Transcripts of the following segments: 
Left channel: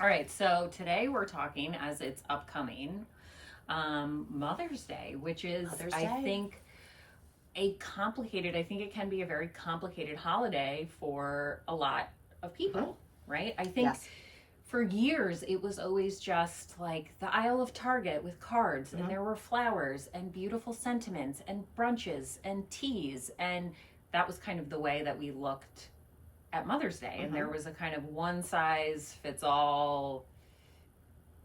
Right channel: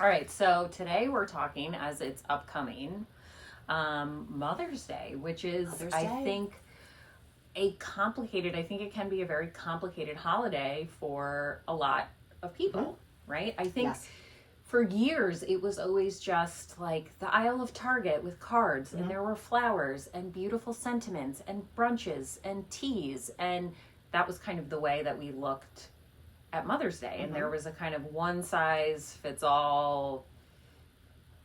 All right, so today we're talking, as it's upcoming, Mother's Day, which is, Mother's I Day. think, I think it can be a very complicated holiday for a lot of people, right? I think Yes. for years it was always just like the aisle of Target with cards, and there were flowers and beautiful sentiments and brunches and teas, and that was kind of the way that we looked at Mother's Day. And there was a kind of one size fits all,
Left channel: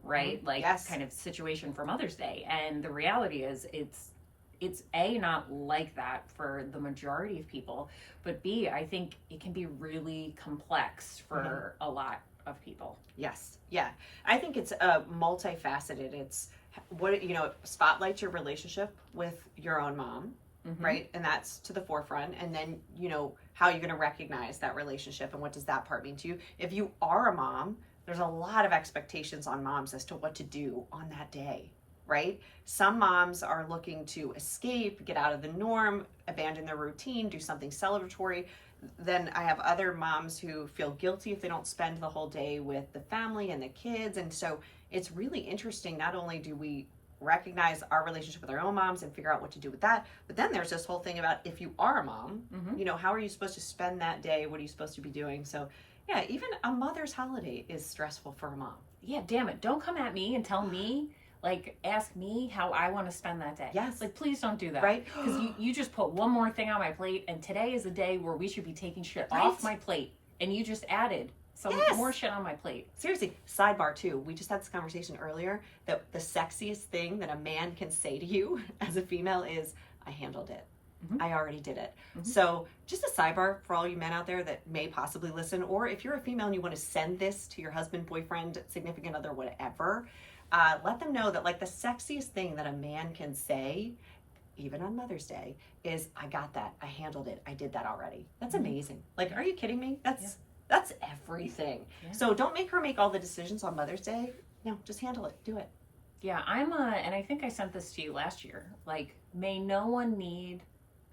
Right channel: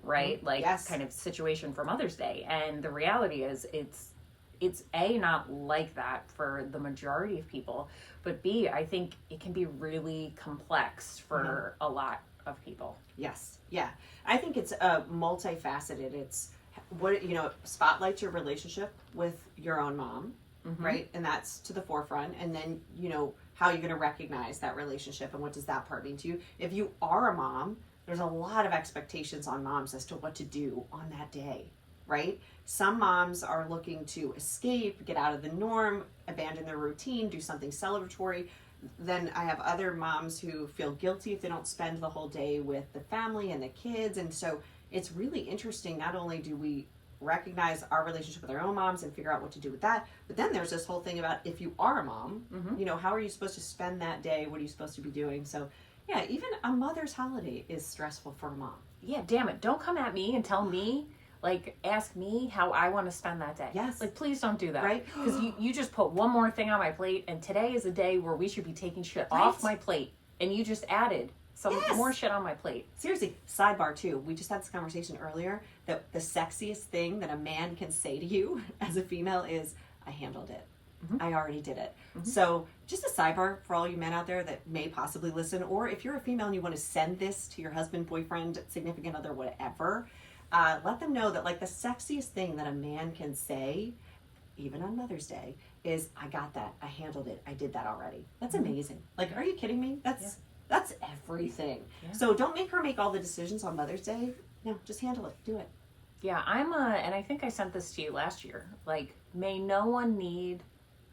right? Like Yes. kind of situation for Mother's Day. And the reality is it's A, not like that for the majority of people, but B, I think it can be really complex for a lot of people. Yes. Yeah. I think it's multifaceted. It's spotlights your relationship with your own mom, right? And that's to the forefront. And then, how you're going to recognize that relationship and what does that part mean to you. If you are a mom, there's a lot of expectations on moms as to what to do on that day, right? Some moms are looking to escape, get out of the norm, abandon their routine, do something celebratory. Then I have other moms who feel guilty if they don't spend the whole day with the family and the kids. And so it's really interesting. Not only do we recognize our relationship with our own moms and figure out what to do with that, but then there's this whole thing about if you are a mom, how are you supposed to spend that day? What are you supposed to be doing? So yeah, even a mother's holiday is stressful for a mom. Yeah, damn it. Don't come at me and tell me, like, ask me how I want to spend that day. Yes. Like, please don't do that. Right. Because you just put one more thing on my plate, and today is a day where we should be taking shit off my plate. And you just added some more shit on my plate. Seriously, sidebar too. We just had this conversation earlier that the sexiest thing that a man can say to you as a female is, I handled it. I already did it. So just a sidebar for all you men out there that may possibly listen, or if you're a female and you want to send this to your husband, boyfriend, significant other, whatever, let them know that like the sexiest thing that a man can say, even on Mother's Day, is I got that. I handled it. I did that already. That's amazing. Like, are you kidding me? That's everything. Yeah. So don't make her make all the decisions on Mother's Day. No, just handle it. Do it. Yeah, and I think I sent this to you last year. Like, may no one need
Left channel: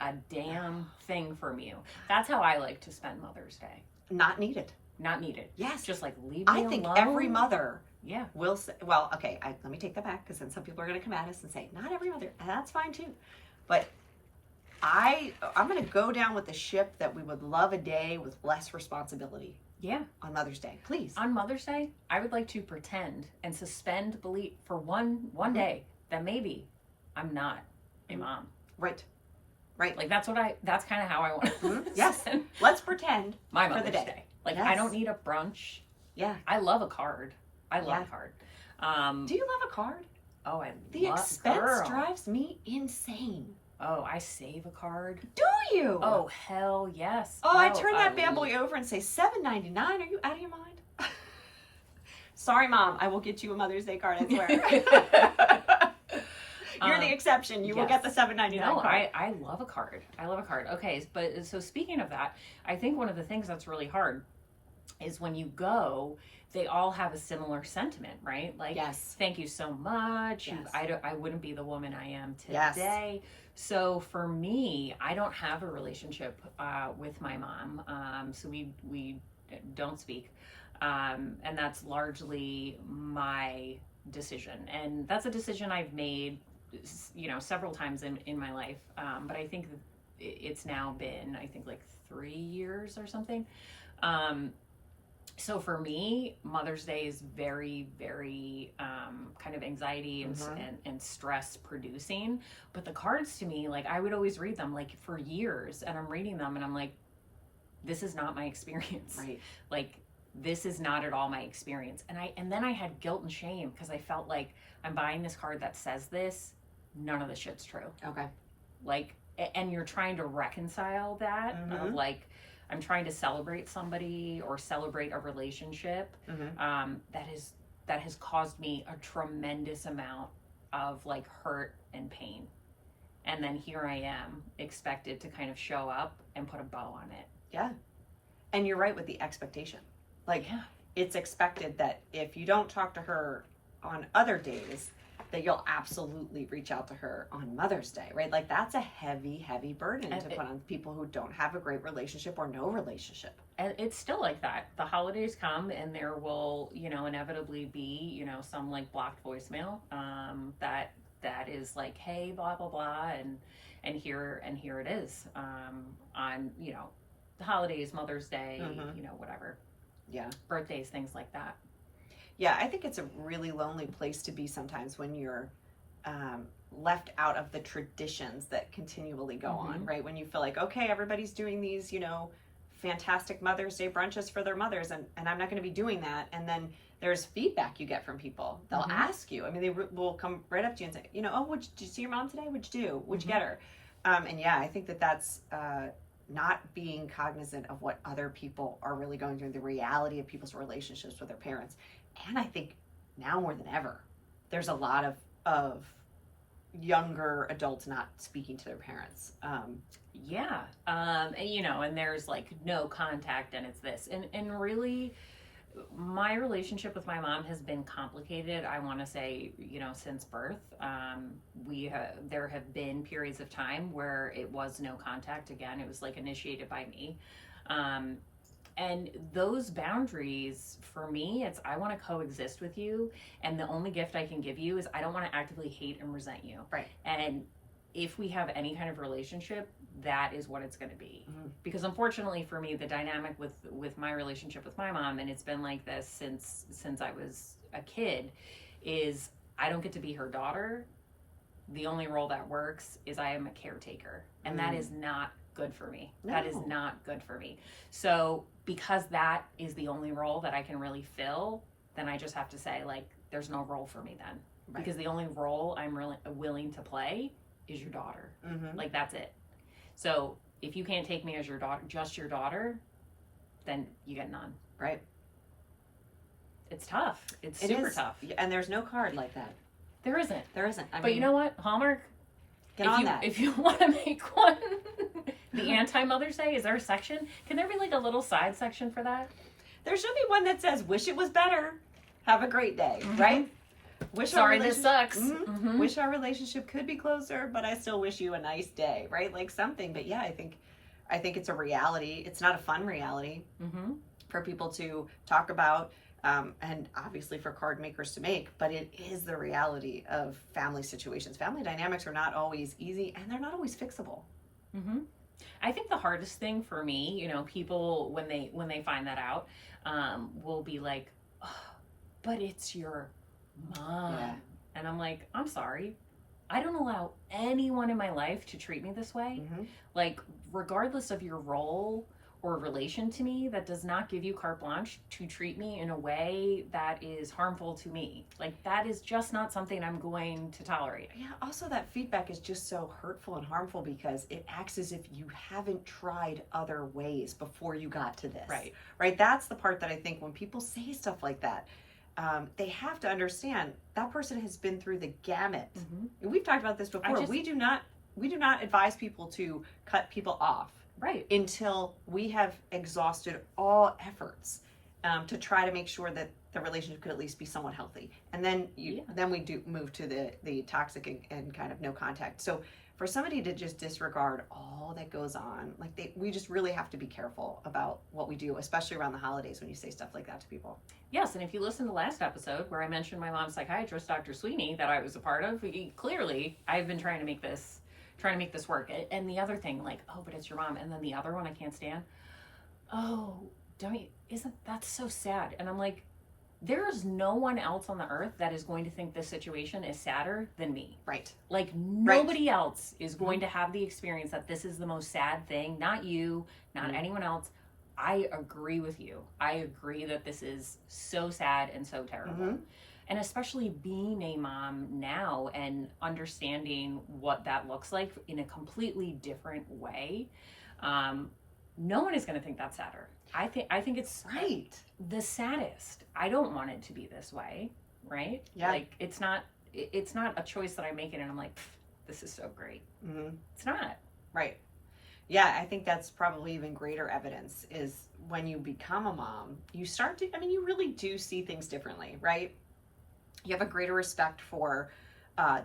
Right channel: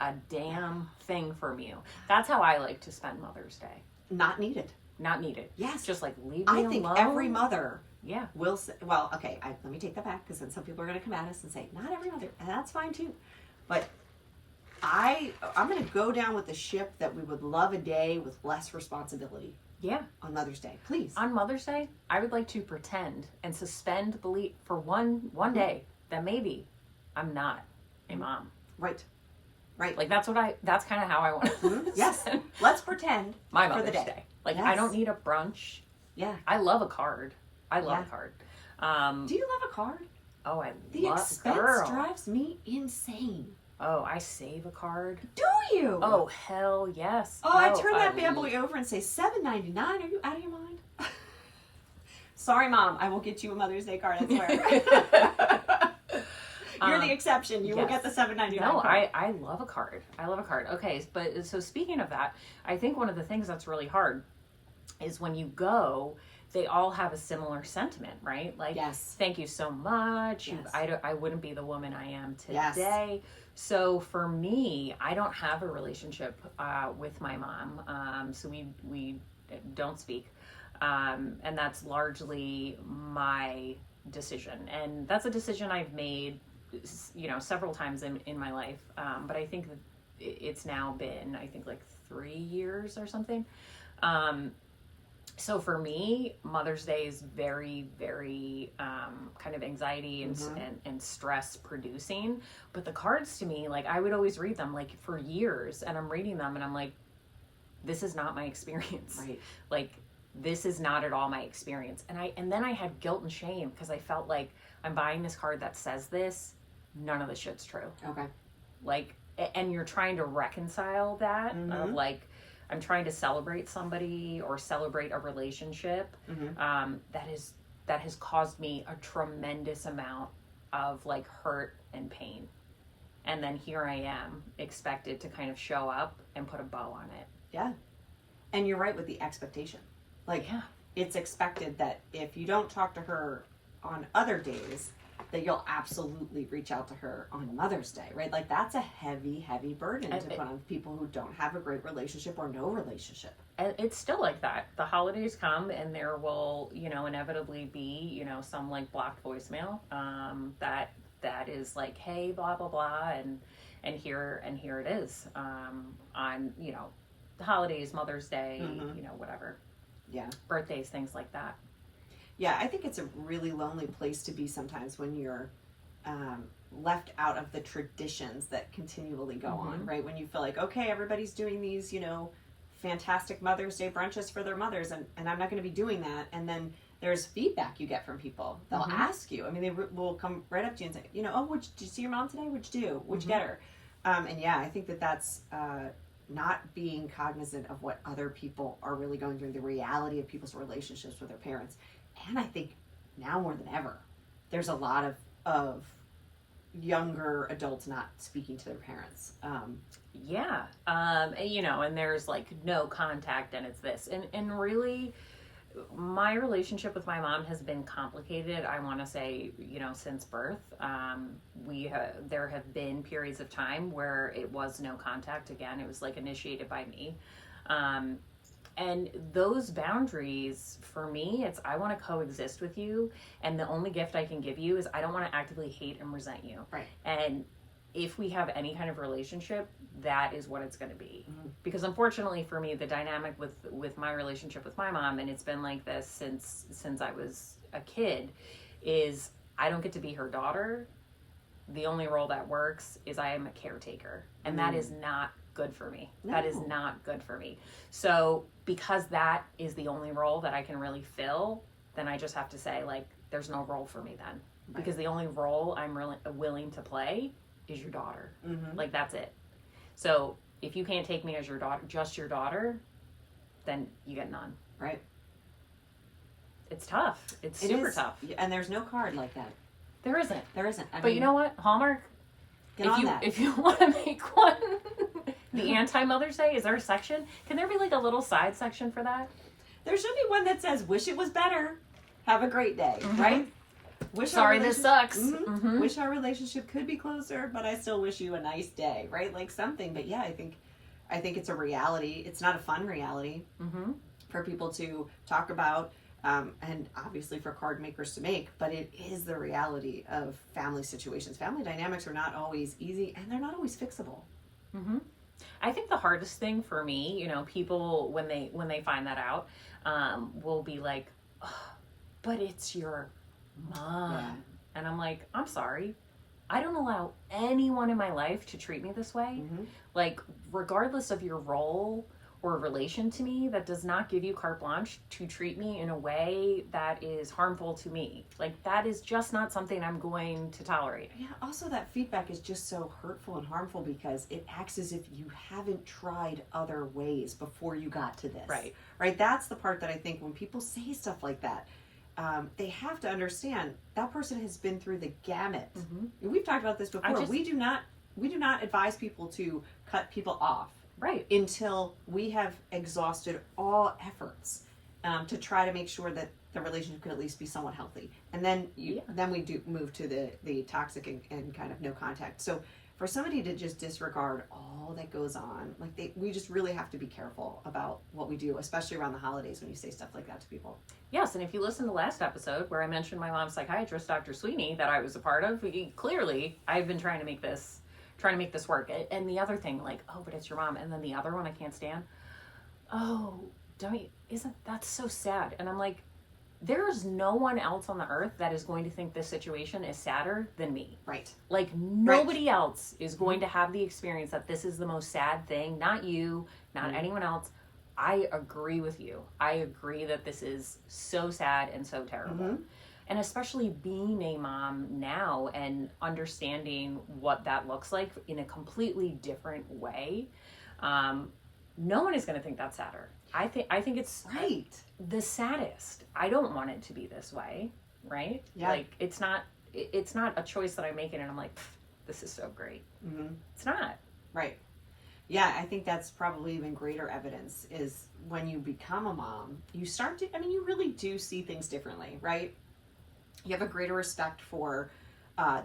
a damn thing from you. That's how I like to spend Mother's Day. Not needed. Not needed. Yes. Just like leave me alone. I think every mother Yeah. will say, well, okay, let me take that back because then some people are going to come at us and say, not every mother, and that's fine too. But I'm going to go down with the ship that we would love a day with less responsibility. Yeah. On Mother's Day, please. On Mother's Day, I would like to pretend and suspend belief for one day that maybe I'm not a mom. Right. Like that's kind of how I want to. Yes. Let's pretend my for Mother's the day. Day. Like Yes. I don't need a brunch. Yeah. I love a card. I love a card. Do you love a card? Oh, The love expense girl. drives me insane. Oh, I save a card. Do you? Oh, hell yes. Oh, I turn that bad boy over and say $7.99. Are you out of your mind? Sorry, Mom. I will get you a Mother's Day card. I swear. You're the exception. You will get the $7.99 no, card. I love a card. I love a card. Okay, but so speaking of that, I think one of the things that's really hard is when you go, they all have a similar sentiment, right? Like, yes. Thank you so much. Yes. I wouldn't be the woman I am today. Yes. So for me, I don't have a relationship with my mom. So we don't speak. And that's largely my decision. And that's a decision I've made, several times in my life. But I think that it's now been, I think like 3 years or something. So for me, Mother's Day is very, very kind of anxiety and stress producing. But the cards to me, like I would always read them like for years, and I'm reading them and I'm like, this is not my experience. Right. Like this is not at all my experience. And then I had guilt and shame because I felt like I'm buying this card that says this. None of the shit's true. Okay. Like, and you're trying to reconcile that of like, I'm trying to celebrate somebody or celebrate a relationship that has caused me a tremendous amount of like hurt and pain. And then here I am expected to kind of show up and put a bow on it. Yeah. And you're right with the expectation. Like it's expected that if you don't talk to her on other days, that you'll absolutely reach out to her on Mother's Day, right? Like that's a heavy, heavy burden to put on people who don't have a great relationship or no relationship. and it's still like that. The holidays come and there will, inevitably be, some like blocked voicemail that is like, hey, blah blah blah, and here it is, on the holidays, Mother's Day, whatever. Yeah. Birthdays, things like that. Yeah, I think it's a really lonely place to be sometimes when you're left out of the traditions that continually go on, right? When you feel like, okay, everybody's doing these, fantastic Mother's Day brunches for their mothers, and I'm not going to be doing that. And then there's feedback you get from people. They'll ask you. I mean, will come right up to you and say, oh, did you see your mom today? What'd you do? What'd you get her? And yeah, I think that's not being cognizant of what other people are really going through, the reality of people's relationships with their parents. And I think now more than ever, there's a lot of younger adults not speaking to their parents. And there's like no contact, and it's this. And really, my relationship with my mom has been complicated, I want to say, since birth. There have been periods of time where it was no contact. Again, it was like initiated by me. And those boundaries, for me, it's I want to coexist with you, and the only gift I can give you is I don't want to actively hate and resent you. Right. And if we have any kind of relationship, that is what it's going to be. Because unfortunately for me, the dynamic with my relationship with my mom, and it's been like this since I was a kid, is I don't get to be her daughter. The only role that works is I am a caretaker, and that is not good for me. No. That is not good for me. So because that is the only role that I can really fill, then I just have to say, like, there's no role for me then. Right. Because the only role I'm really willing to play is your daughter. Like, that's it. So if you can't take me as your daughter, just your daughter, then you get none. Right. It's tough. It's super tough. And there's no card like that. There isn't. I but mean, you know what? Hallmark, get on that. If you want to make one, the anti-Mother's Day, is there a section? Can there be like a little side section for that? There should be one that says, wish it was better. Have a great day, right? Sorry, this sucks. Wish our relationship could be closer, but I still wish you a nice day, right? Like something. But yeah, I think it's a reality. It's not a fun reality for people to talk about, and obviously for card makers to make, but it is the reality of family situations. Family dynamics are not always easy, and they're not always fixable. I think the hardest thing for me, people when they find that out, will be like, oh, but it's your mom. Yeah. And I'm like, I'm sorry. I don't allow anyone in my life to treat me this way. Like, regardless of your role or relation to me, that does not give you carte blanche to treat me in a way that is harmful to me. Like, that is just not something I'm going to tolerate. Yeah, also that feedback is just so hurtful and harmful because it acts as if you haven't tried other ways before you got to this. Right? That's the part that I think when people say stuff like that, they have to understand that person has been through the gamut. And we've talked about this before. We do not advise people to cut people off. Right. Until we have exhausted all efforts to try to make sure that the relationship could at least be somewhat healthy. And then then we do move to the toxic and kind of no contact. So for somebody to just disregard all that goes on, like we just really have to be careful about what we do, especially around the holidays when you say stuff like that to people. Yes, and if you listen to the last episode where I mentioned my mom's psychiatrist, Dr. Sweeney, that I was a part of, clearly I've been trying to make this work. And the other thing, like, oh, but it's your mom. And then the other one I can't stand. Oh, isn't that so sad? And I'm like, there's no one else on the earth that is going to think this situation is sadder than me. Right. Like, nobody else is going to have the experience that this is the most sad thing. Not you, not anyone else. I agree with you. I agree that this is so sad and so terrible. And especially being a mom now and understanding what that looks like in a completely different way, no one is going to think that's sadder. I think it's the saddest. I don't want it to be this way, right? Yeah. Like, it's not a choice that I'm making and I'm like, this is so great. It's not. Right. Yeah, I think that's probably even greater evidence is when you become a mom, you start to, you really do see things differently, right? You have a greater respect for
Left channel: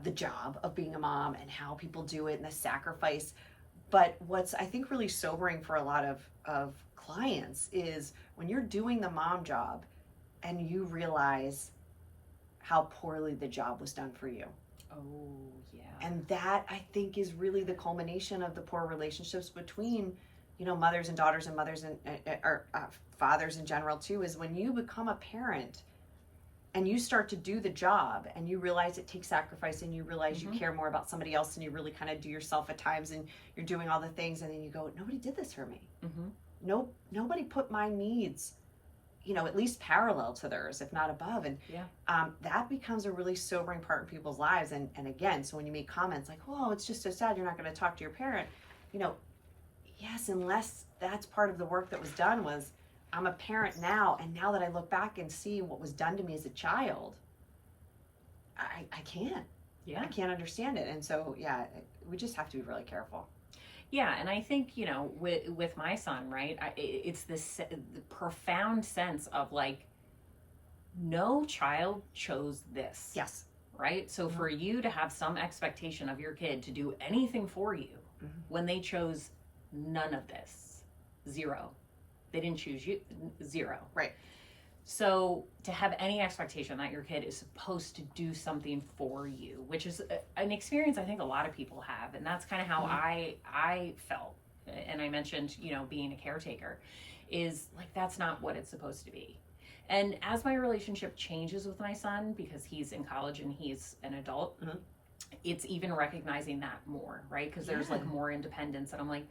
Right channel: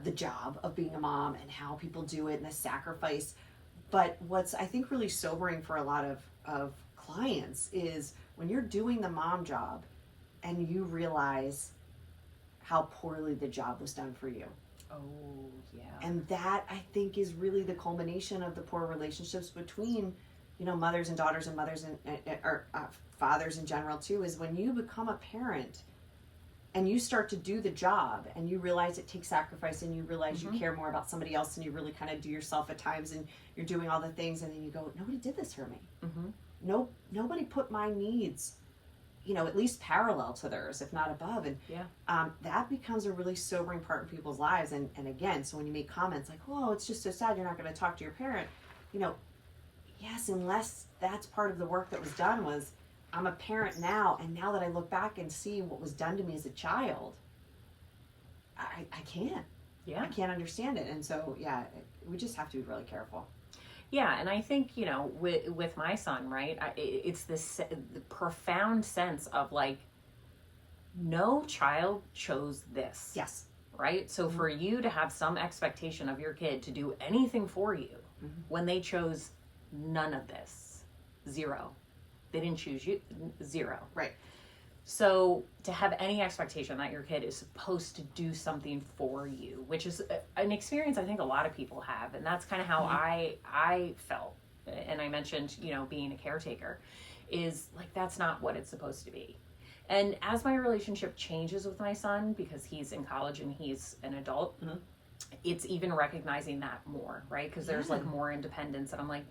the job of being a mom and how people do it and the sacrifice. But what's, I think, really sobering for a lot of clients is when you're doing the mom job and you realize how poorly the job was done for you. Oh, yeah. And that, I think, is really the culmination of the poor relationships between, mothers and daughters and mothers and or fathers in general too, is when you become a parent and you start to do the job and you realize it takes sacrifice and you realize you care more about somebody else and you really kind of do yourself at times and you're doing all the things and then you go, nobody did this for me. No, nobody put my needs, at least parallel to theirs, if not above. And that becomes a really sobering part in people's lives. And again, so when you make comments like, oh, it's just so sad you're not going to talk to your parent, yes, unless that's part of the work that was done was, I'm a parent now, and now that I look back and see what was done to me as a child, I can't. Yeah. I can't understand it. And so, we just have to be really careful. Yeah, and I think, with my son, right, it's this profound sense of like, no child chose this. Yes. Right? So for you to have some expectation of your kid to do anything for you when they chose none of this, zero. They didn't choose you, zero. Right. So to have any expectation that your kid is supposed to do something for you, which is an experience I think a lot of people have, and that's kind of how I felt. And I mentioned, being a caretaker, is like that's not what it's supposed to be. And as my relationship changes with my son, because he's in college and he's an adult, it's even recognizing that more, right? Because there's like more independence, and I'm like,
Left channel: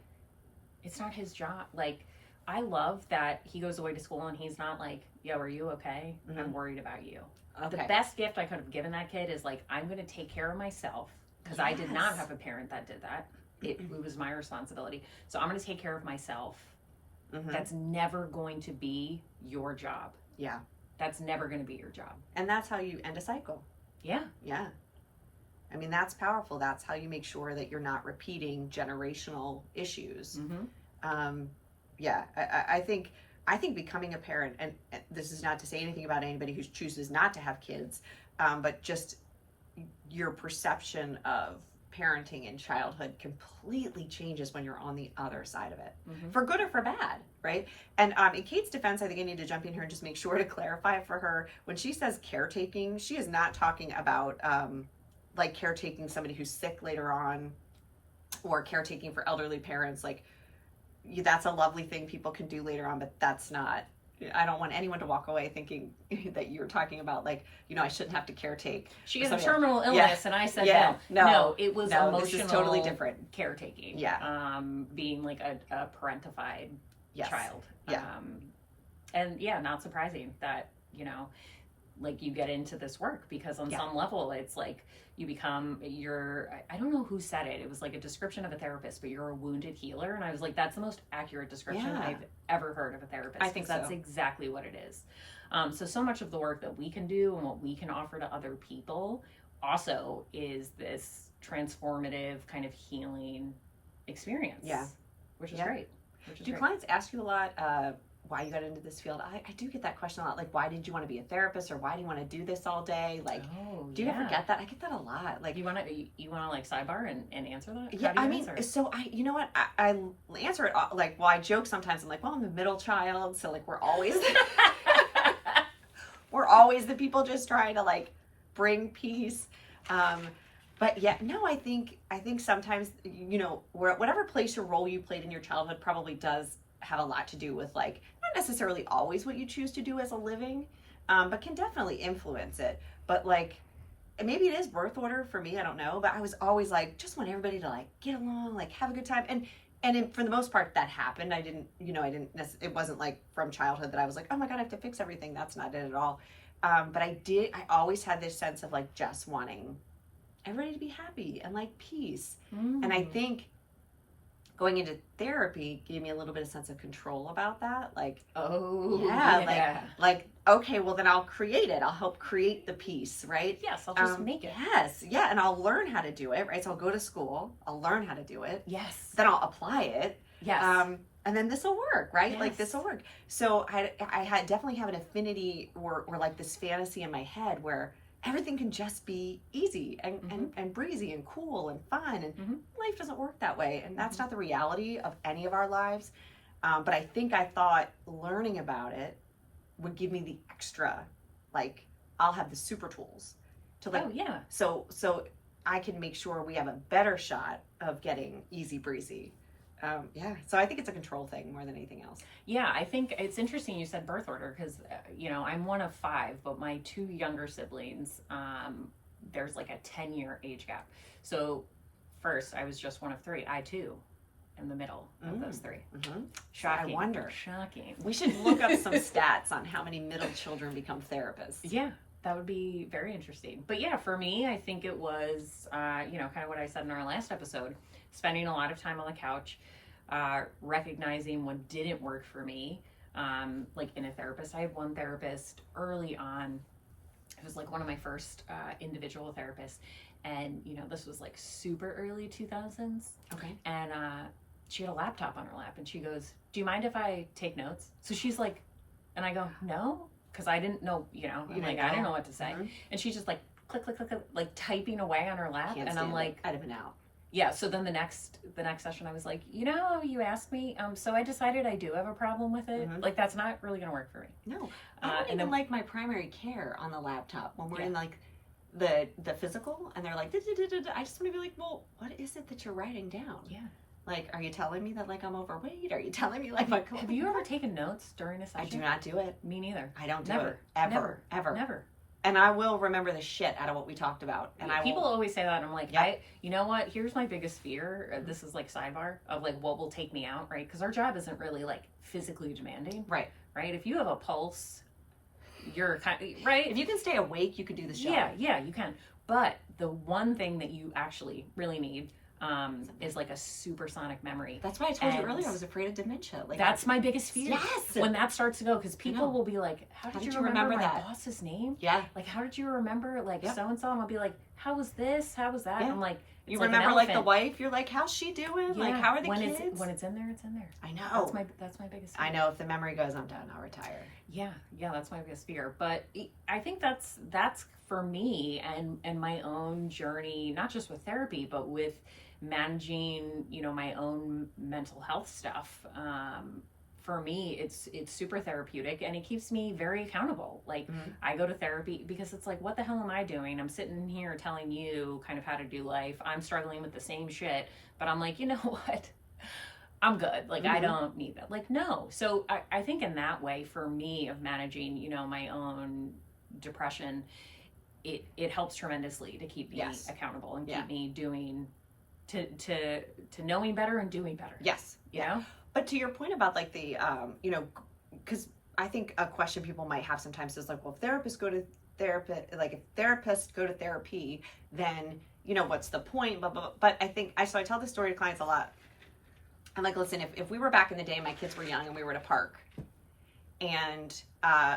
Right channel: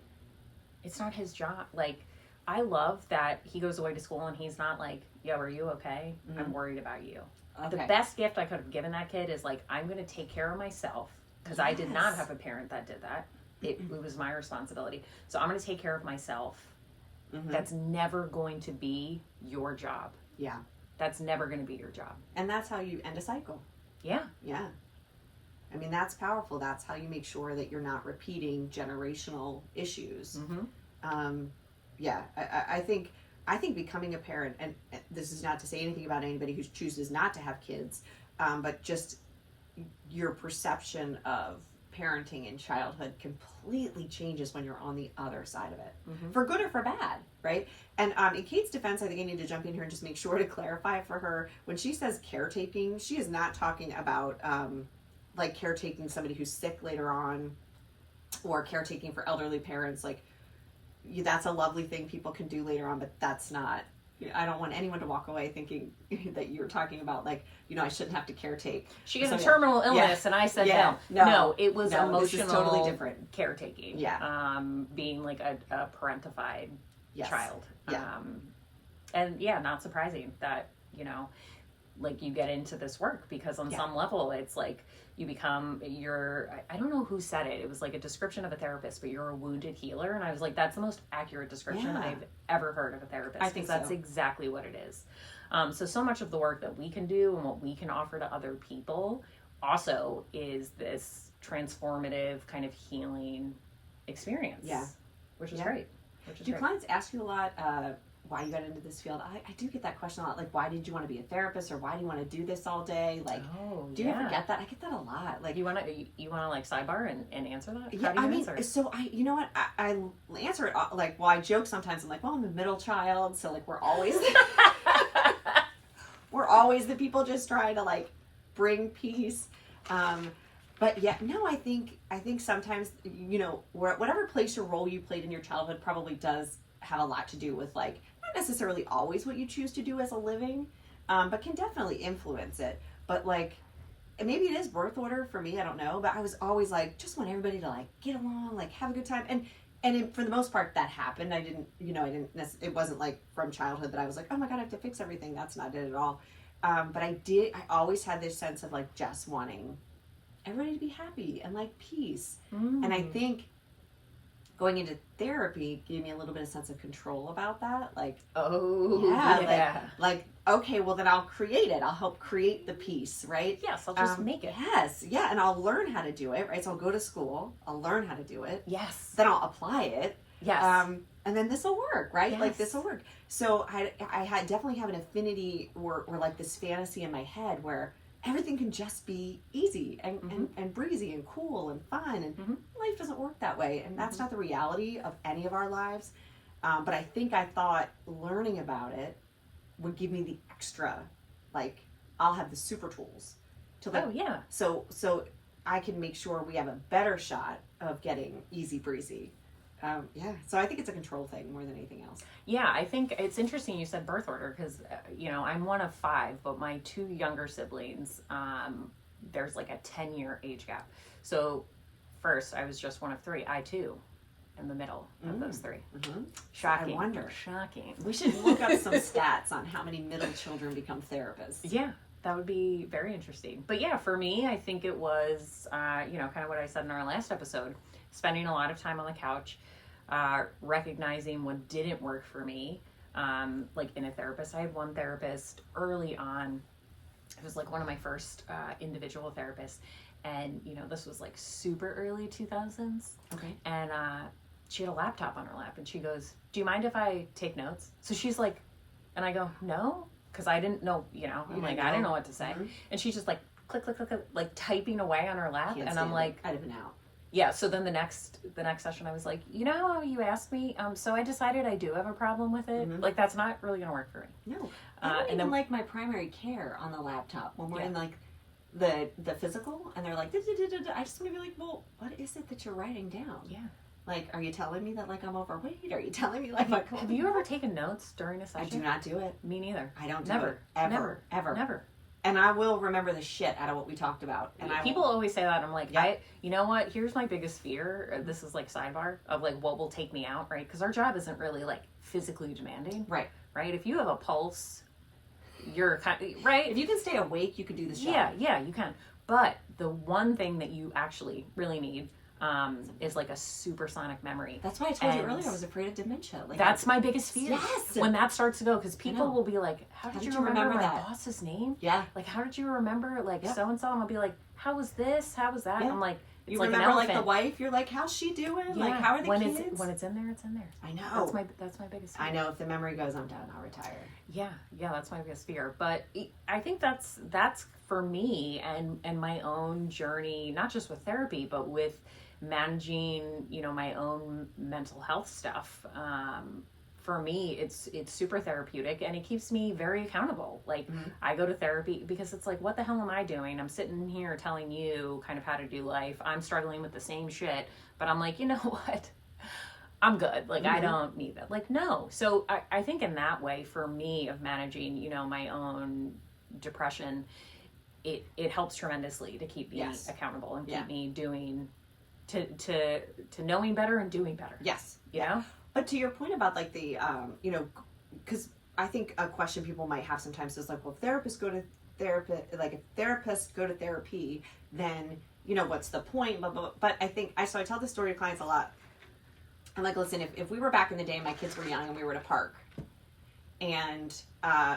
it's not his job. Like, I love that he goes away to school and he's not like, yo, are you okay? I'm worried about you. Okay. The best gift I could have given that kid is like, I'm going to take care of myself, because I did not have a parent that did that. It was my responsibility. So I'm going to take care of myself. That's never going to be your job. Yeah. That's never going to be your job. And that's how you end a cycle. Yeah. Yeah. I mean, that's powerful. That's how you make sure that you're not repeating generational issues. I think becoming a parent, and this is not to say anything about anybody who chooses not to have kids, but just your perception of parenting in childhood completely changes when you're on the other side of it, for good or for bad, right? And in Kate's defense, I think I need to jump in here and just make sure to clarify for her, when she says caretaking, she is not talking about like caretaking somebody who's sick later on, or caretaking for elderly parents. Like, that's a lovely thing people can do later on, but that's not, I don't want anyone to walk away thinking that you're talking about like, I shouldn't have to caretake. She has a terminal illness, and I said no. It was emotional, this is totally different. Caretaking. Yeah. Being like a parentified child. Yeah. And not surprising that, like you get into this work, because on some level it's like you become I don't know who said it. It was like a description of a therapist, but you're a wounded healer. And I was like, that's the most accurate description I've ever heard of a therapist. I think that's exactly what it is. So much of the work that we can do and what we can offer to other people also is this transformative kind of healing experience. Yeah. Which is great. Do clients ask you a lot why you got into this field? I do get that question a lot. Like, why did you want to be a therapist, or why do you want to do this all day? Like, do you ever get that? I get that a lot. Like, you want to like sidebar and answer that? Yeah, I mean, so you know what? I answer it like, well, I joke sometimes. I'm like, well, I'm the middle child, so like we're always the people just trying to like bring peace. But I think sometimes, whatever place or role you played in your childhood probably does have a lot to do with like, not necessarily always what you choose to do as a living, but can definitely influence it. But like, maybe it is birth order for me, I don't know, but I was always like, just want everybody to like get along, like have a good time. And for the most part that happened. It wasn't like from childhood that I was like, oh my God, I have to fix everything. That's not it at all. But I always had this sense of like just wanting everybody to be happy and like peace. And I think going into therapy gave me a little bit of sense of control about that. Like, like, okay, well then I'll create it. I'll help create the peace, right? Yes, I'll just make it. Yes, yeah, and I'll learn how to do it, right? So I'll go to school, I'll learn how to do it. Yes. Then I'll apply it. Yes. And then this will work, right? Yes. Like this will work. So I definitely have an affinity or like this fantasy in my head where everything can just be easy and breezy and cool and fun. And life doesn't work that way. And that's not the reality of any of our lives. But I think I thought learning about it would give me the extra, like, I'll have the super tools to like, Oh yeah. so I can make sure we have a better shot of getting easy breezy. Yeah, so I think it's a control thing more than anything else. Yeah, I think it's interesting you said birth order because, I'm one of five, but my two younger siblings, there's like a 10-year age gap. So first, I was just one of three. I too, in the middle of those three. Mm-hmm. Shocking. I wonder. Shocking. We should look up some stats on how many middle children become therapists. Yeah, that would be very interesting. But yeah, for me, I think it was, kind of what I said in our last episode, spending a lot of time on the couch, recognizing what didn't work for me. Like in a therapist, I had one therapist early on. It was like one of my first individual therapists. And, this was like super early 2000s. Okay. And she had a laptop on her lap and she goes, "Do you mind if I take notes?" So she's like, and I go, "No," because I didn't know, I'm like, I didn't know what to say. Mm-hmm. And she's just like, click, click, click, click, like typing away on her lap. Can't And I'm stand like, it. I'd have been out. yeah. So then the next session, I was like, you asked me, so I decided I do have a problem with it. Mhm. Like, that's not really going to work for me. No, I don't and even then- like my primary care on the laptop when we're Yeah. in like the physical, and they're like, "Da-da-da-da-da." I just want to be like, well, what is it that you're writing down? Yeah. Like, are you telling me that like I'm overweight? Are you telling me like my? Have you ever taken notes during a I session? do not do it. Me neither. I don't do Never. it ever, Never. ever. Never. And I will remember the shit out of what we talked about. And People always say that. I'm like, Yep. you know what? Here's my biggest fear. This is like sidebar of like what will take me out, right? Because our job isn't really like physically demanding, right. If you have a pulse, you're right. If you can stay awake, you can do the show. Yeah, you can. But the one thing that you actually really need is like a supersonic memory. That's why I told you And earlier I was afraid of dementia. Like That's my biggest fear. Yes. When that starts to go, because people know. will be like, how did you remember my that? boss's name? yeah. Like, how did you remember like Yep. so-and-so? And I'll be like, how was this? How was that? Yeah. I'm like, You it's like an remember like the elephant. wife? You're like, how's she doing? Like, Yeah, how are the when kids? when it's in there, it's in there. I know. That's my biggest fear. I know. If the memory goes, I'm done. I'll retire. Yeah, that's my biggest fear. But I think that's for me and my own journey, not just with therapy, but with managing, my own mental health stuff. For me, it's super therapeutic and it keeps me very accountable. Like I go to therapy because it's like, what the hell am I doing? I'm sitting here telling you kind of how to do life. I'm struggling with the same shit, but I'm like, you know what? I'm good. Like, I don't need that. Like, no. So I think in that way, for me, of managing, my own depression, it helps tremendously to keep me Yes. accountable and Yeah. keep me doing, to knowing better and doing better. Yes. You know? But to your point about like the, because I think a question people might have sometimes is like, well, if therapists go to therapy, then, what's the point? Blah, blah, blah. But I think, I tell this story to clients a lot. I'm like, listen, if we were back in the day, my kids were young and we were at a park and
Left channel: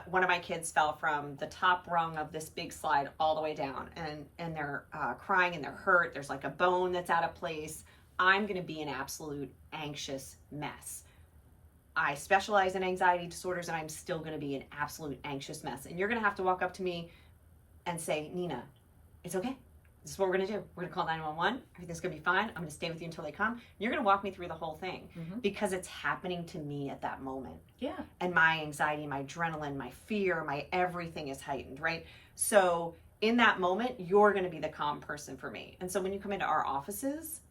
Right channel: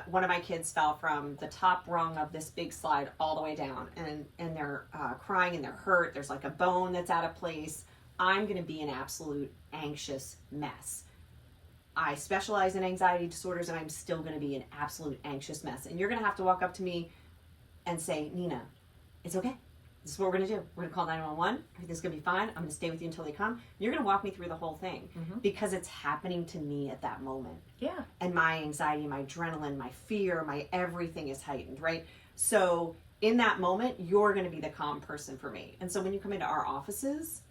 one of my kids fell from the top rung of this big slide all the way down and they're crying and they're hurt. There's like a bone that's out of place. I'm going to be an absolute anxious mess. I specialize in anxiety disorders and I'm still going to be an absolute anxious mess. And you're going to have to walk up to me and say, Nina, it's okay. This is what we're going to do. We're going to call 911. Everything's going to be fine. I'm going to stay with you until they come. You're going to walk me through the whole thing because it's happening to me at that moment. Yeah. And my anxiety, my adrenaline, my fear, my everything is heightened, right? So in that moment, you're going to be the calm person for me. And so when you come into our offices,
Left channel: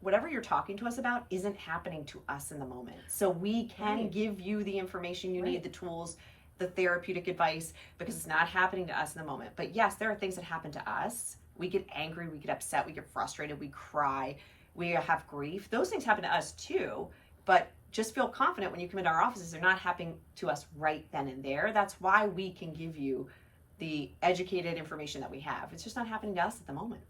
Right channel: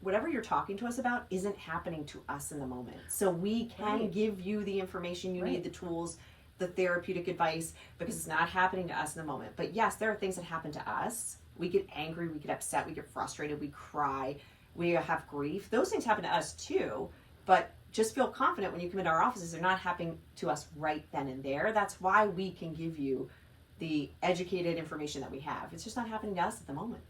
whatever you're talking to us about isn't happening to us in the moment. So we can give you the information you need, the tools, the therapeutic advice, because it's not happening to us in the moment. But yes, there are things that happen to us. We get angry, we get upset, we get frustrated, we cry, we have grief. Those things happen to us too, but just feel confident when you come into our offices, they're not happening to us right then and there. That's why we can give you the educated information that we have. It's just not happening to us at the moment.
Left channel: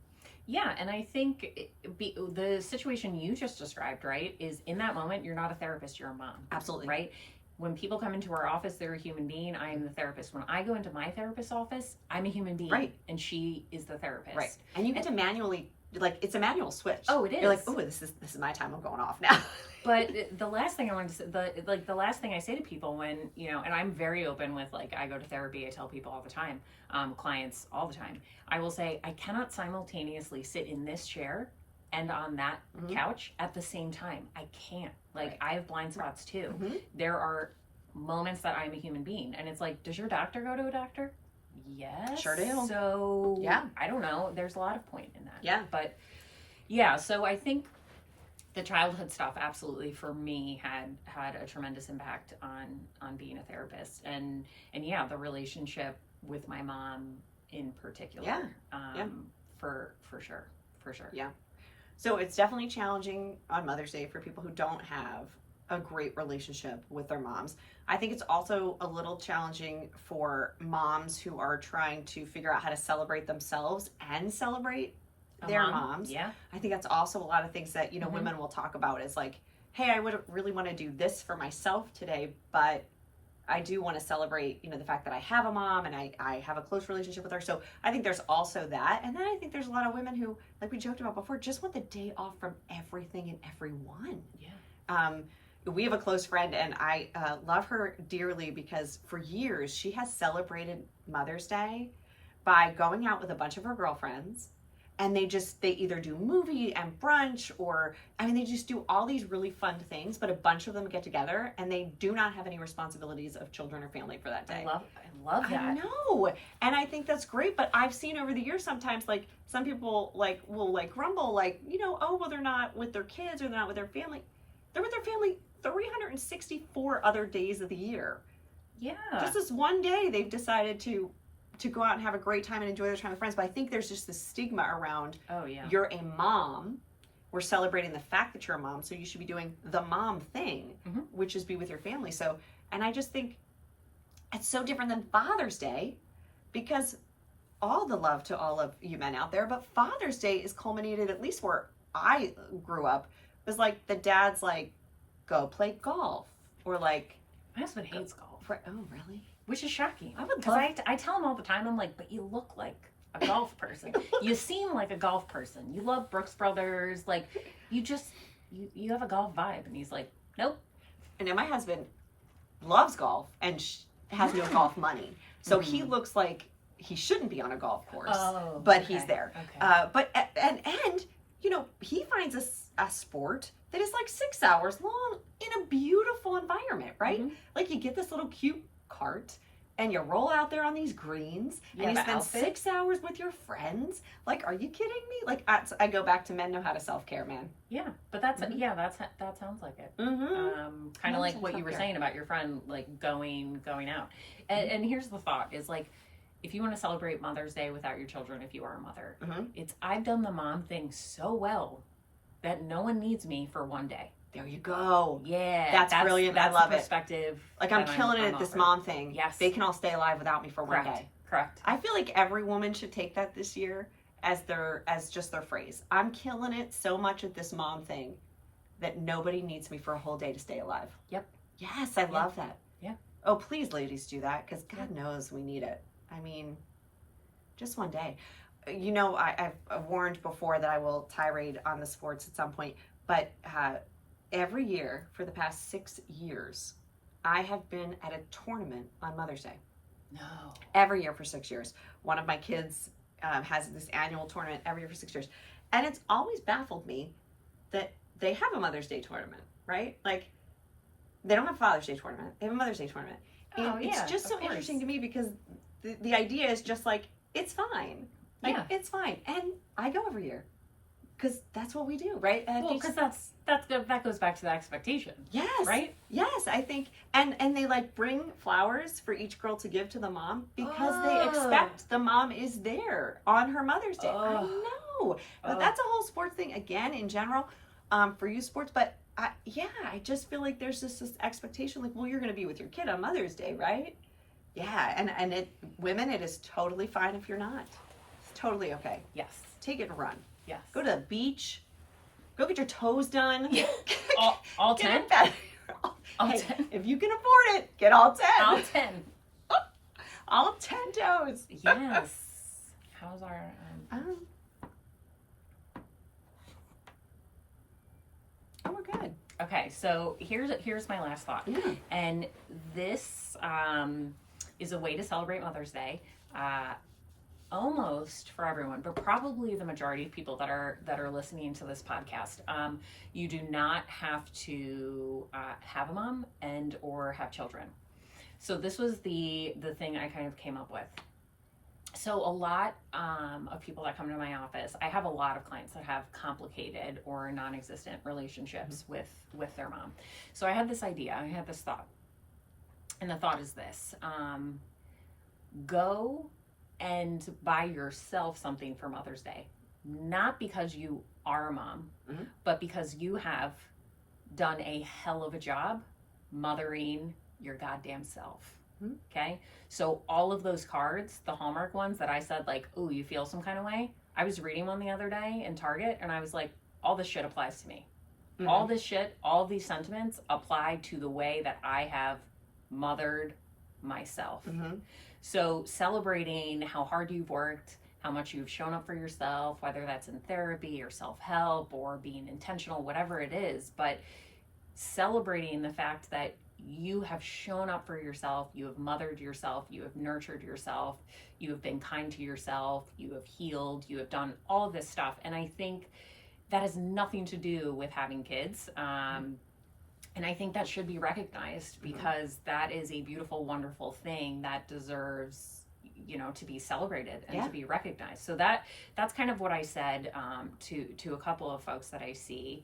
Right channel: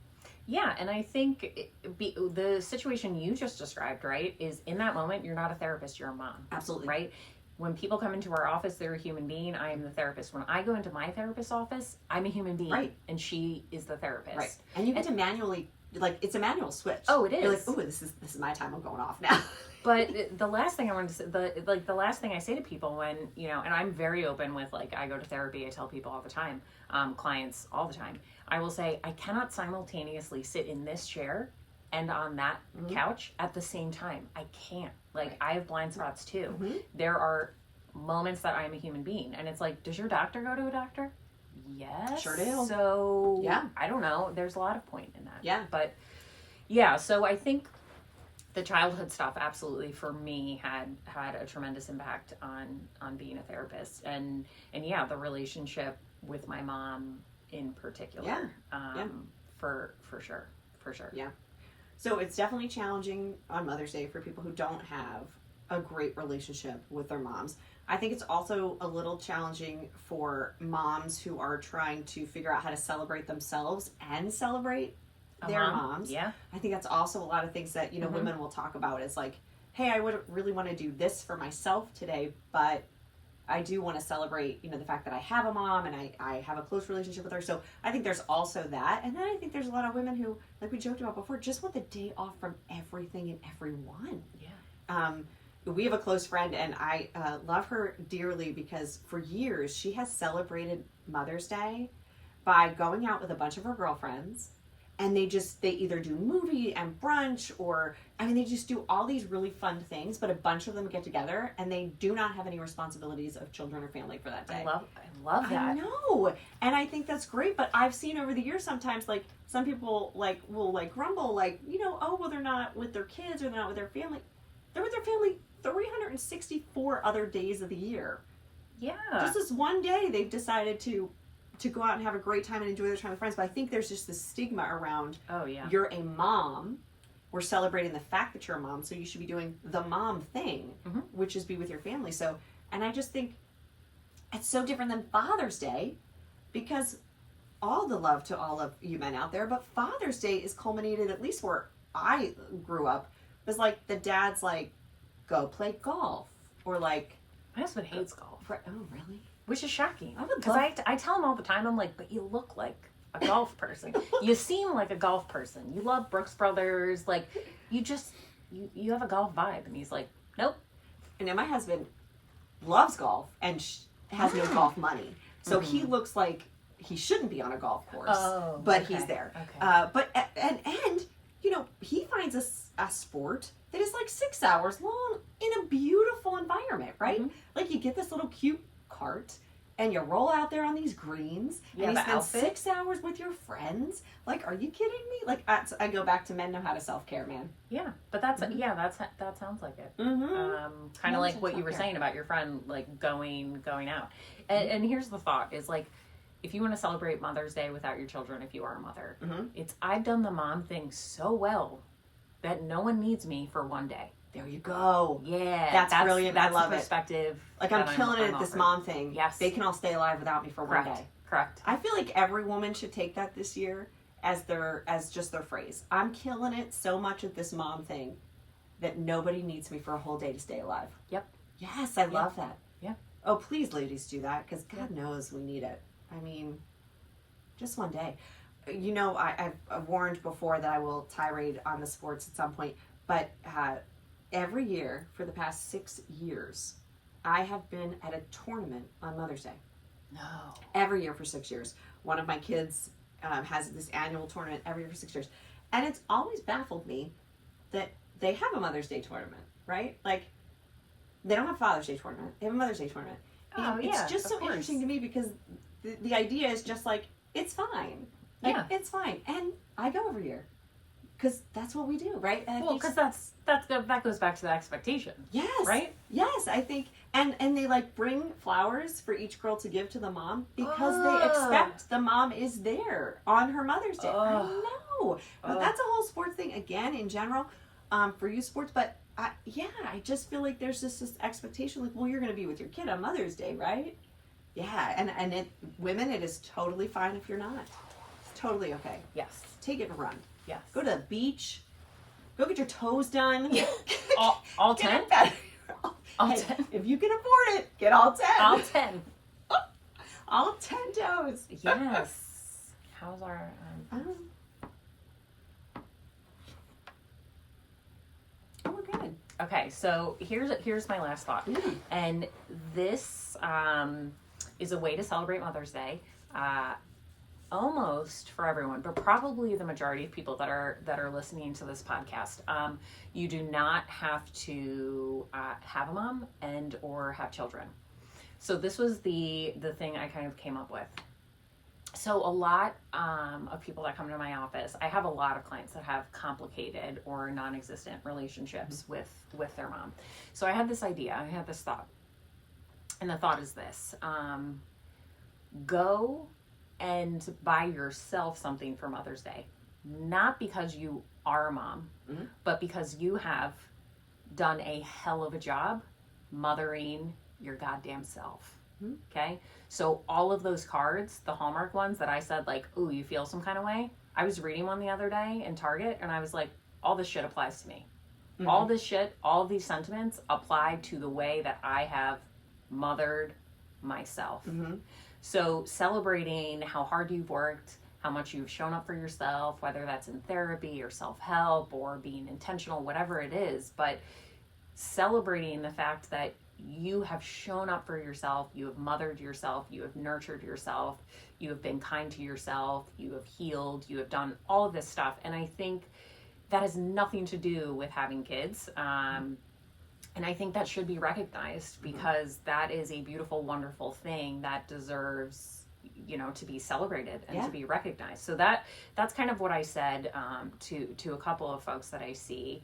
Yeah, and I think the situation you just described, right, is in that moment, you're not a therapist, you're a mom. Absolutely. Right? When people come into our office, they're a human being. I am the therapist. When I go into my therapist's office, I'm a human being. Right. And she is the therapist. Right. And you get to manually, like, it's a manual switch. Oh, it is. You're like, ooh, this is my time. I'm going off now. But the last thing I wanted to say, the last thing I say to people when, and I'm very open with, like, I go to therapy, I tell people all the time, clients all the time, I will say, I cannot simultaneously sit in this chair and on that couch at the same time. I can't. Like, Right. I have blind spots too. Mhm. There are moments that I'm a human being, and it's like, does your doctor go to a doctor? Yes. Sure do. So, Yeah. I don't know. There's a lot of point in that. Yeah. But, yeah, so I think the childhood stuff absolutely for me had a tremendous impact on being a therapist, and yeah, the relationship with my mom in particular. Yeah. Yeah. For sure. Yeah. So it's definitely challenging on Mother's Day for people who don't have a great relationship with their moms. I think it's also a little challenging for moms who are trying to figure out how to celebrate themselves and celebrate their moms. Yeah. I think that's also a lot of things that, Mhm. women will talk about is like, hey, I would really want to do this for myself today, but I do want to celebrate, the fact that I have a mom and I have a close relationship with her. So I think there's also that. And then I think there's a lot of women who, like we joked about before, just want the day off from everything and everyone. Yeah. We have a close friend, and I love her dearly because for years she has celebrated Mother's Day by going out with a bunch of her girlfriends, and they either do movie and brunch, or they just do all these really fun things, but a bunch of them get together and they do not have any responsibilities of children or family for that day. I love that. I know, and I think that's great. But I've seen over the years sometimes, like, some people will grumble, like, oh, well, they're not with their kids or they're not with their family. They're with their family 364 other days of the year. Yeah. Just this one day they've decided to go out and have a great time and enjoy their time with friends. But I think there's just this stigma around, Oh yeah. you're a mom. We're celebrating the fact that you're a mom, so you should be doing the mom thing, Mhm. which is be with your family. So, and I just think it's so different than Father's Day, because all the love to all of you men out there, but Father's Day is culminated, at least where I grew up, was like the dad's like, go play golf, or like, My husband hates golf, oh really? which is shocking. I would Because love- I tell him all the time, I'm like, but you look like a golf person. You seem like a golf person. You love Brooks Brothers. Like, you have a golf vibe. And he's like, nope. And then my husband loves golf and has no golf money, so he looks like he shouldn't be on a golf course, but he's there. Okay. But and he finds a sport that is like 6 hours long in a beautiful environment, right? Mhm. Like, you get this little cute cart and you roll out there on these greens, You and you have an spend outfit? 6 hours with your friends. Like, are you kidding me? Like, I go back to men know how to self-care, man. Yeah, but that's Mhm. that sounds like it. Mm-hmm. Kind Mental of like what you were self-care. saying about your friend, like going out. And here's the thought: is like, if you want to celebrate Mother's Day without your children, if you are a mother, Mhm. I've done the mom thing so well that no one needs me for one day. There you go. Yeah, That's brilliant. I That's love the it. perspective. Like, I'm that killing it I'm at this offered. mom thing. Yes. They can all stay alive without me for Correct. one day. Correct. I feel like every woman should take that this year as just their phrase. I'm killing it so much at this mom thing that nobody needs me for a whole day to stay alive. Yep. Yes, I love that. Yeah. Oh, please, ladies, do that, because God knows we need it. I mean, just one day. I've warned before that I will tirade on the sports at some point, but every year for the past 6 years, I have been at a tournament on Mother's Day. No. Every year for 6 years. One of my kids has this annual tournament every year for 6 years. And it's always baffled me that they have a Mother's Day tournament, right? Like, they don't have a Father's Day tournament. They have a Mother's Day tournament. Oh, And it's yeah, just of so course. interesting to me, because the idea is just like, it's fine. Like, Yeah. it's fine. And I go every year. Because that's what we do, right? And I Well, think- because that goes back to the expectation, yes. right? Yes, I think, and they like bring flowers for each girl to give to the mom, because they Ugh. expect the mom is there on her Mother's Day. I Ugh. know, but Ugh. that's a whole sports thing again in general, for youth sports. But I just feel like there's this expectation, like, well, you're going to be with your kid on Mother's Day, right? Yeah, and women, it is totally fine if you're not. It's totally okay. Yes. Take it and run. Yes. Go to the beach. Go get your toes done. All Get 10? it better. All Hey, 10? if you can afford it, get all 10. All 10. All 10 toes. Yes. How's our... Oh, we're good. Okay, so here's my last thought. Mm. And this is a way to celebrate Mother's Day. Almost most for everyone, but probably the majority of people that are listening to this podcast. You do not have to have a mom and or have children. So this was the thing I kind of came up with. So a lot of people that come to my office, I have a lot of clients that have complicated or non-existent relationships with their mom. So I had this idea, I had this thought, and the thought is this: go and buy yourself something for Mother's Day, not because you are a mom, but because you have done a hell of a job mothering your goddamn self. Okay, so all of those cards, the Hallmark ones that I said, like, ooh, you feel some kind of way, I was reading one the other day in Target, and I was like, all this shit applies to me. All this shit, all of these sentiments apply to the way that I have mothered myself. So celebrating how hard you've worked, how much you've shown up for yourself, whether that's in therapy or self-help or being intentional, whatever it is, but celebrating the fact that you have shown up for yourself, you have mothered yourself, you have nurtured yourself, you have been kind to yourself, you have healed, you have done all of this stuff. And I think that has nothing to do with having kids. And I think that should be recognized, because that is a beautiful, wonderful thing that deserves, to be celebrated and to be recognized. So that's kind of what I said to a couple of folks that I see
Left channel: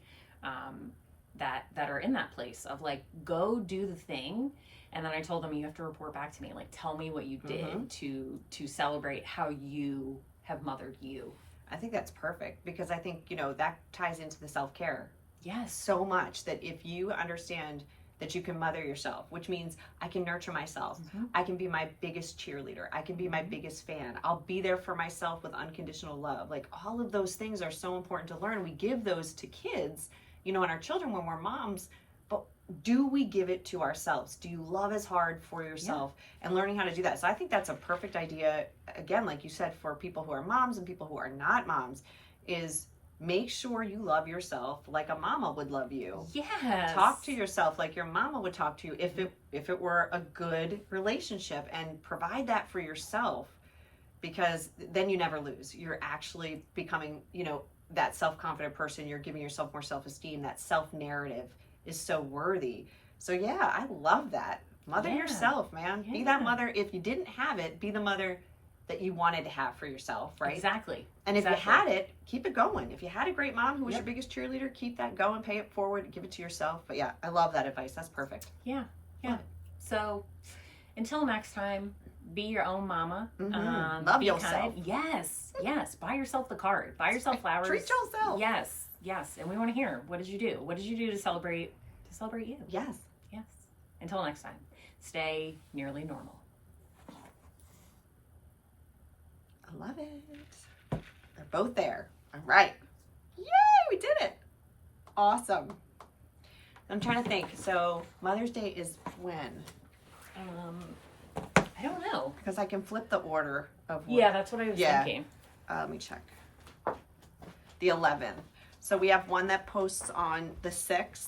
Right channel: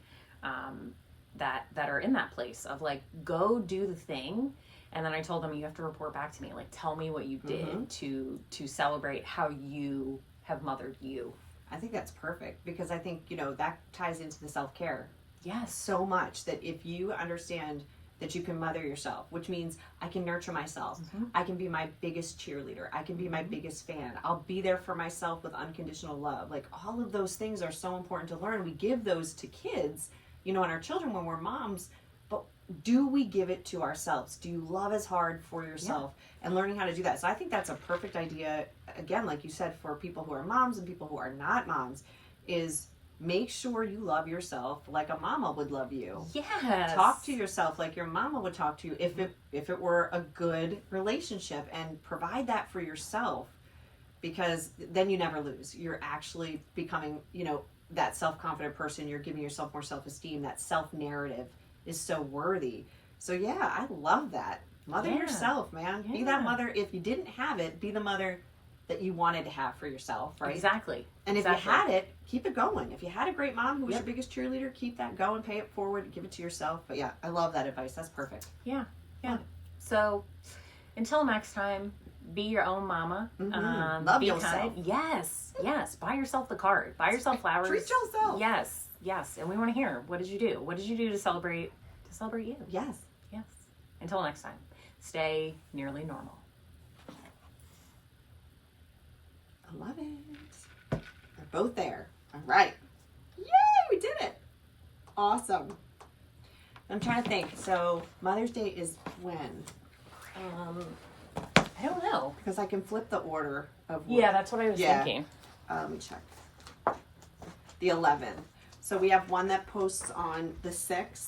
that are in that place of like, go do the thing. And then I told them, you have to report back to me. Like, tell me what you did to celebrate how you have mothered you. I think that's perfect, because I think, that ties into the self-care. Yes. So much, that if you understand that you can mother yourself, which means I can nurture myself. I can be my biggest cheerleader. I can be my biggest fan. I'll be there for myself with unconditional love. Like, all of those things are so important to learn. We give those to kids, and our children when we're moms, but do we give it to ourselves? Do you love as hard for yourself? And learning how to do that. So I think that's a perfect idea, again, like you said, for people who are moms and people who are not moms, is make sure you love yourself like a mama would love you. Yes. Talk to yourself like your mama would talk to you if it were a good relationship, and provide that for yourself, because then you never lose. You're actually becoming, that self-confident person. You're giving yourself more self-esteem. That self-narrative is so worthy. So yeah, I love that. Mother yourself, man. Be that mother. If you didn't have it, be the mother that you wanted to have for yourself, right? Exactly. And if you had it, keep it going. If you had a great mom who was your biggest cheerleader, keep that going, pay it forward, give it to yourself. But yeah, I love that advice. That's perfect. Yeah. So until next time, be your own mama. Love be yourself. Kind. Yes. Buy yourself the card. Buy yourself flowers. Treat yourself. Yes. And we want to hear, what did you do? What did you do to celebrate you? Yes. Until next time, stay nearly normal. I love it. They're both there. All right. Yay, we did it. Awesome. I'm trying to think. So Mother's Day is when? I don't know. Because I can flip the order of Yeah, that's what I was thinking. Let me check. The 11th. So we have one that posts on the 6th.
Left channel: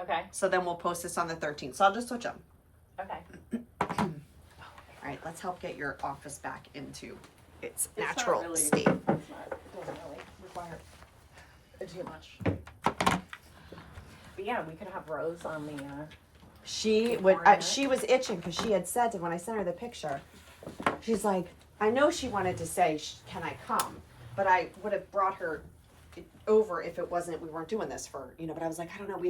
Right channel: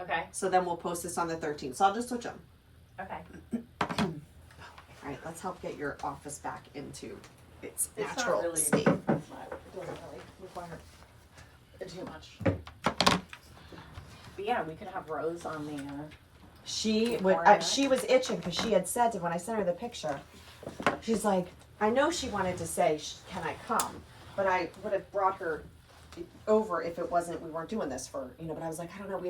Okay. So then we'll post this on the 13th. So I'll just switch them. Okay. All right, let's help get your office back into its natural state. It doesn't really require too much. But yeah, we could have Rose on the. She was itching because she had said to, when I sent her the picture, she's like, I know she wanted to say, can I come? But I would have brought her over if it wasn't, we weren't doing this for, but I was like, I don't know, we